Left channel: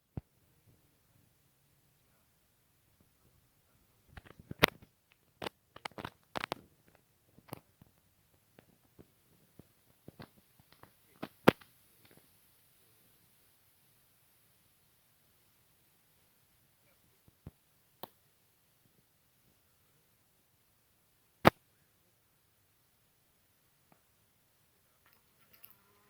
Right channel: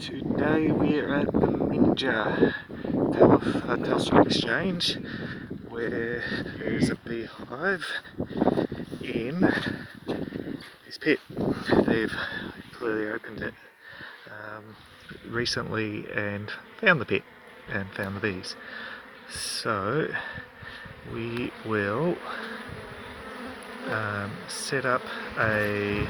Today we're at the Minja Telstra exchange, where there's a beehive in this pit. They've clearly opened it recently and found the pit and found the bees. So we will set up a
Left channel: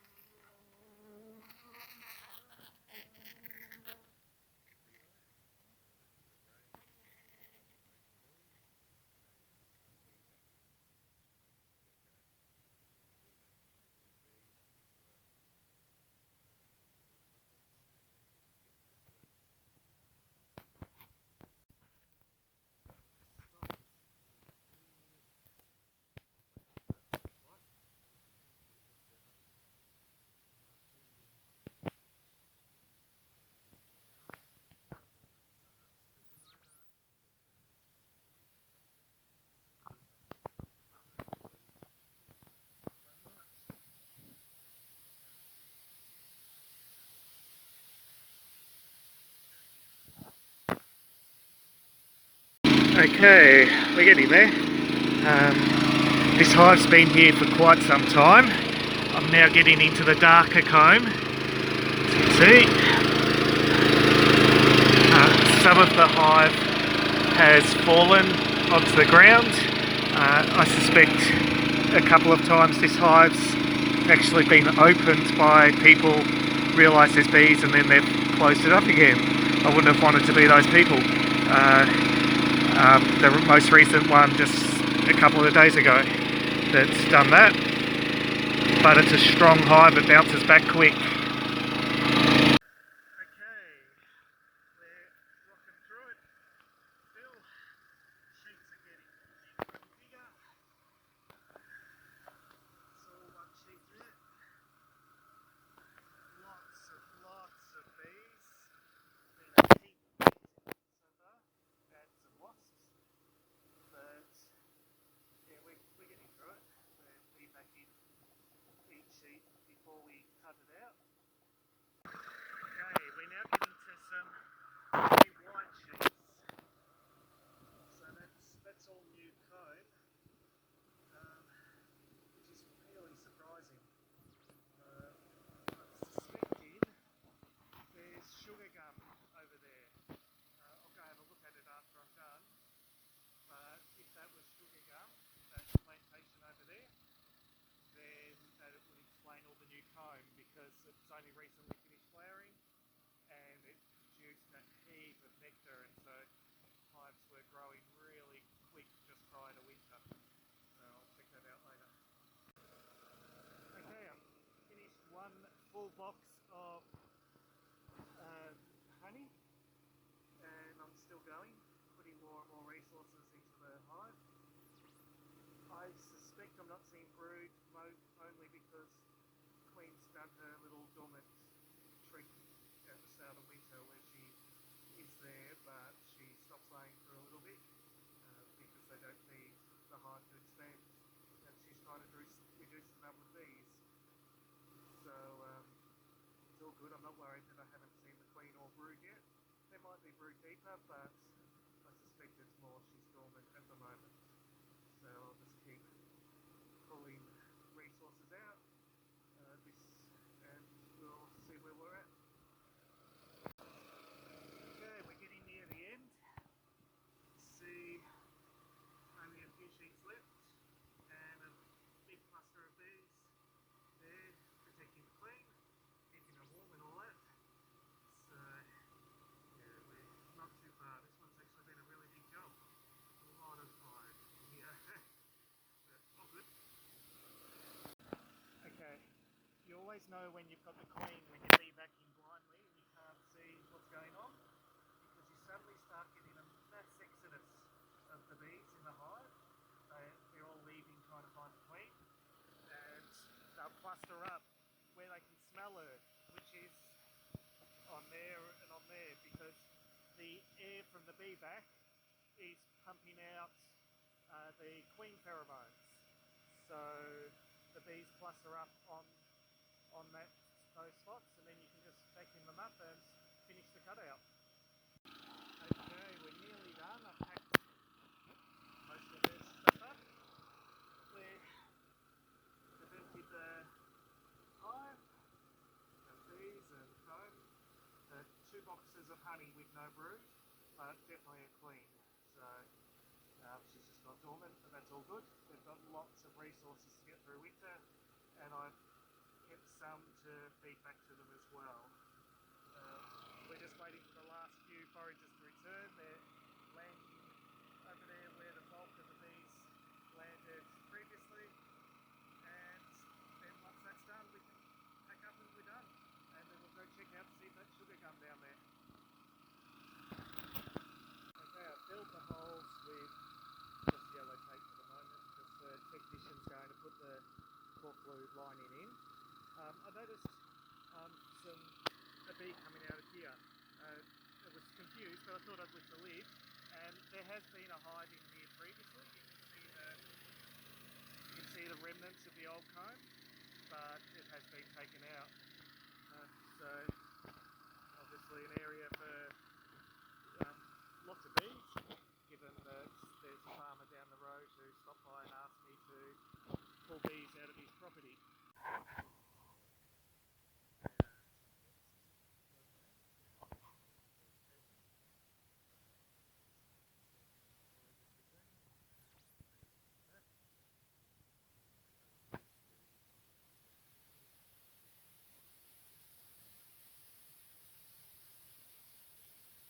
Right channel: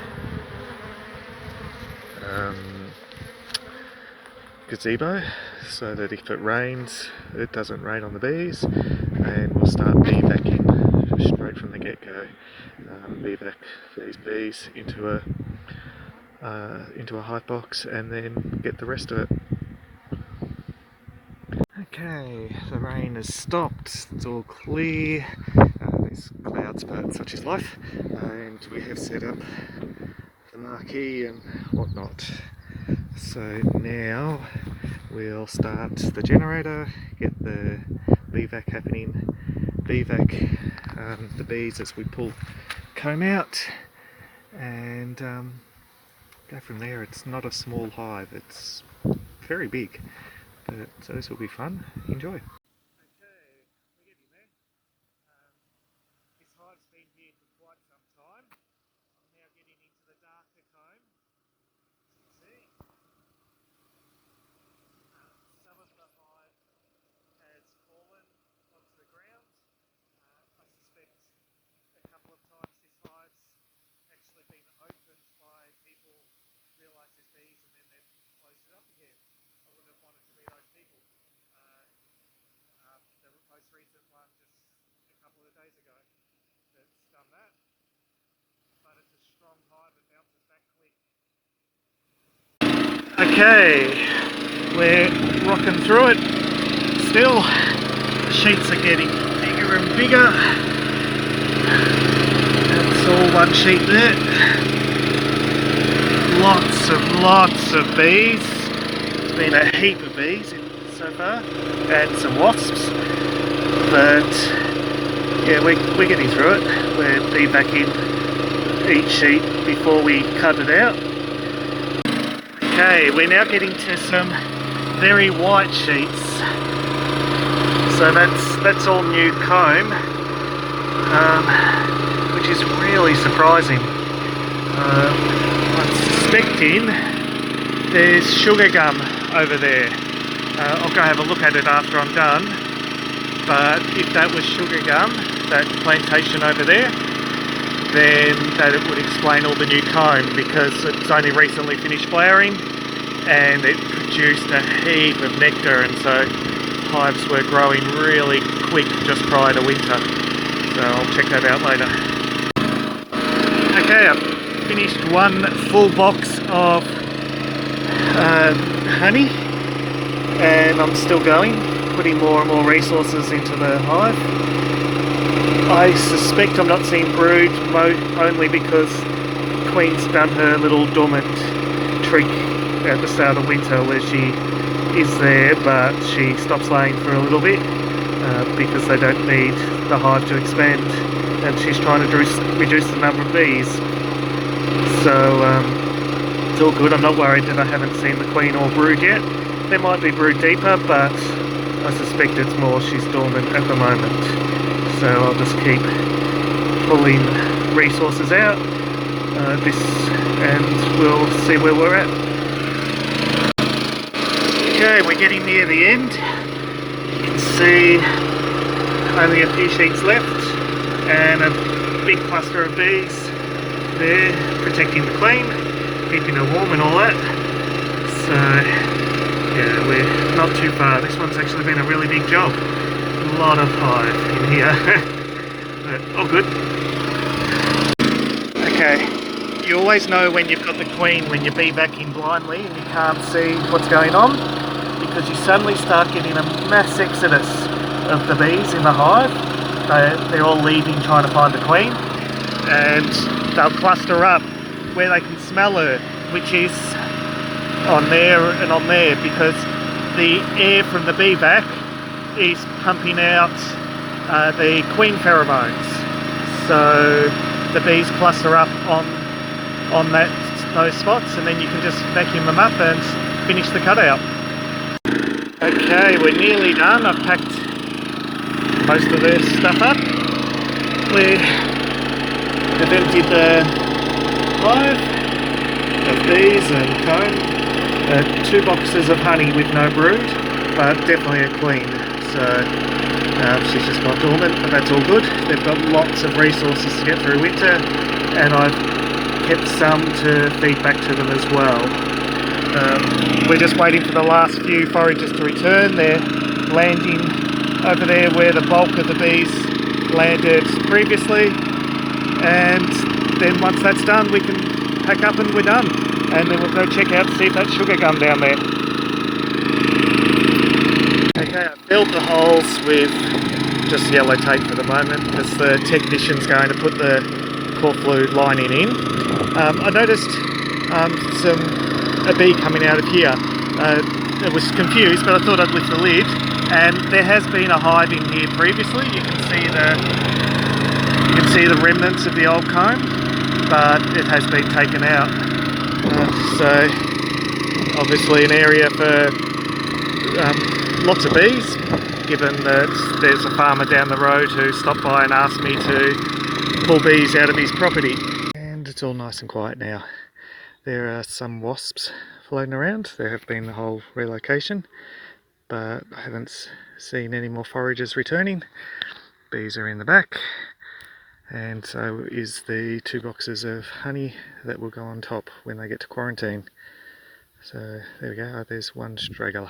gazebo so that if it rains, it doesn't rain on the bees, and we'll start bee backing straight from the get-go. Bee back these bees into a hive box and then get the rest of it. Okay, the rain has stopped, it's all clear, there's clouds but such is life, and we have set up the marquee and whatnot. So now we'll start the generator, get the bee vac happening, bee vac the bees as we pull comb out, and go from there. It's not a small hive, it's very big, so this will be fun. Enjoy. Okay, we're getting there. This hive's been here for quite some time. I'm now getting into the darker comb, as you can see. Some of the hive has fallen onto the ground. I suspect a couple of times this hive's actually been opened by people, realise there's bees, and then they've closed it up again. I wouldn't have wanted to be those people. The most recent one just a couple of days ago that's done that, but it's a strong hive, it bounces back quick. Okay, we're rocking through it still. The sheets are getting bigger and bigger. That's all one sheet there. Lots of bees. There's been a heap of bees so far, and some wasps, but yeah, we're getting through it. We're bee backing each sheet before we cut it out. Okay, we're now getting to some very white sheets, so that's all new comb, which is really surprising. I'm suspecting there's sugar gum over there. I'll go have a look at it after I'm done, but if that was sugar gum, that plantation over there, then that it would explain all the new comb, because it's only recently finished flowering and it produced a heap of nectar, and so hives were growing really quick just prior to winter. So I'll check that out later. Okay, I've finished one full box of honey, and I'm still going, putting more and more resources into the hive. I suspect I'm not seeing brood only because the Queen's done her little dormant trick at the start of winter where she is there, but she stops laying for a little bit because they don't need the hive to expand, and she's trying to reduce the number of bees. So it's all good. I'm not worried that I haven't seen the Queen or brood yet. There might be brood deeper, but I suspect it's more she's dormant at the moment. So I'll just keep pulling resources out and we'll see where we're at. Okay, we're getting near the end. You can see only a few sheets left and a big cluster of bees there protecting the Queen, keeping her warm and all that. So yeah, we're not too far. This one's actually been a really big job. A lot of hive in here, but all good. Okay, you always know when you've got the Queen when you're bee backing blindly and you can't see what's going on, because you suddenly start getting a mass exodus of the bees in the hive. They're all leaving trying to find the Queen, and they'll cluster up where they can smell her, which is on there and on there, because the air from the bee vac is pumping out the Queen pheromones. So the bees cluster up on those spots, and then you can just vacuum them up and finish the cutout. Okay, we're nearly done. I've packed most of their stuff up. We've emptied the hive of bees and comb. 2 boxes of honey with no brood, but definitely a queen. So she's just gone dormant, but that's all good. They've got lots of resources to get through winter, and I've kept some to feed back to them as well. We're just waiting for the last few foragers to return. They're landing over there where the bulk of the bees landed previously, and then once that's done we can pack up and we're done, and then we'll go check out to see if that's sugar gum down there. Okay, I filled the holes with just yellow tape for the moment because the technician's going to put the core fluid lining in. I noticed a bee coming out of here. It was confused, but I thought I'd lift the lid, and there has been a hive in here previously. You can see the remnants of the old comb, but it has been taken out. So obviously an area for lots of bees, given that there's a farmer down the road who stopped by and asked me to pull bees out of his property. And it's all nice and quiet now. There are some wasps floating around. There have been the whole relocation, but I haven't seen any more foragers returning. Bees are in the back, and so is the 2 boxes of honey that will go on top when they get to quarantine. So there we go. There's one struggler.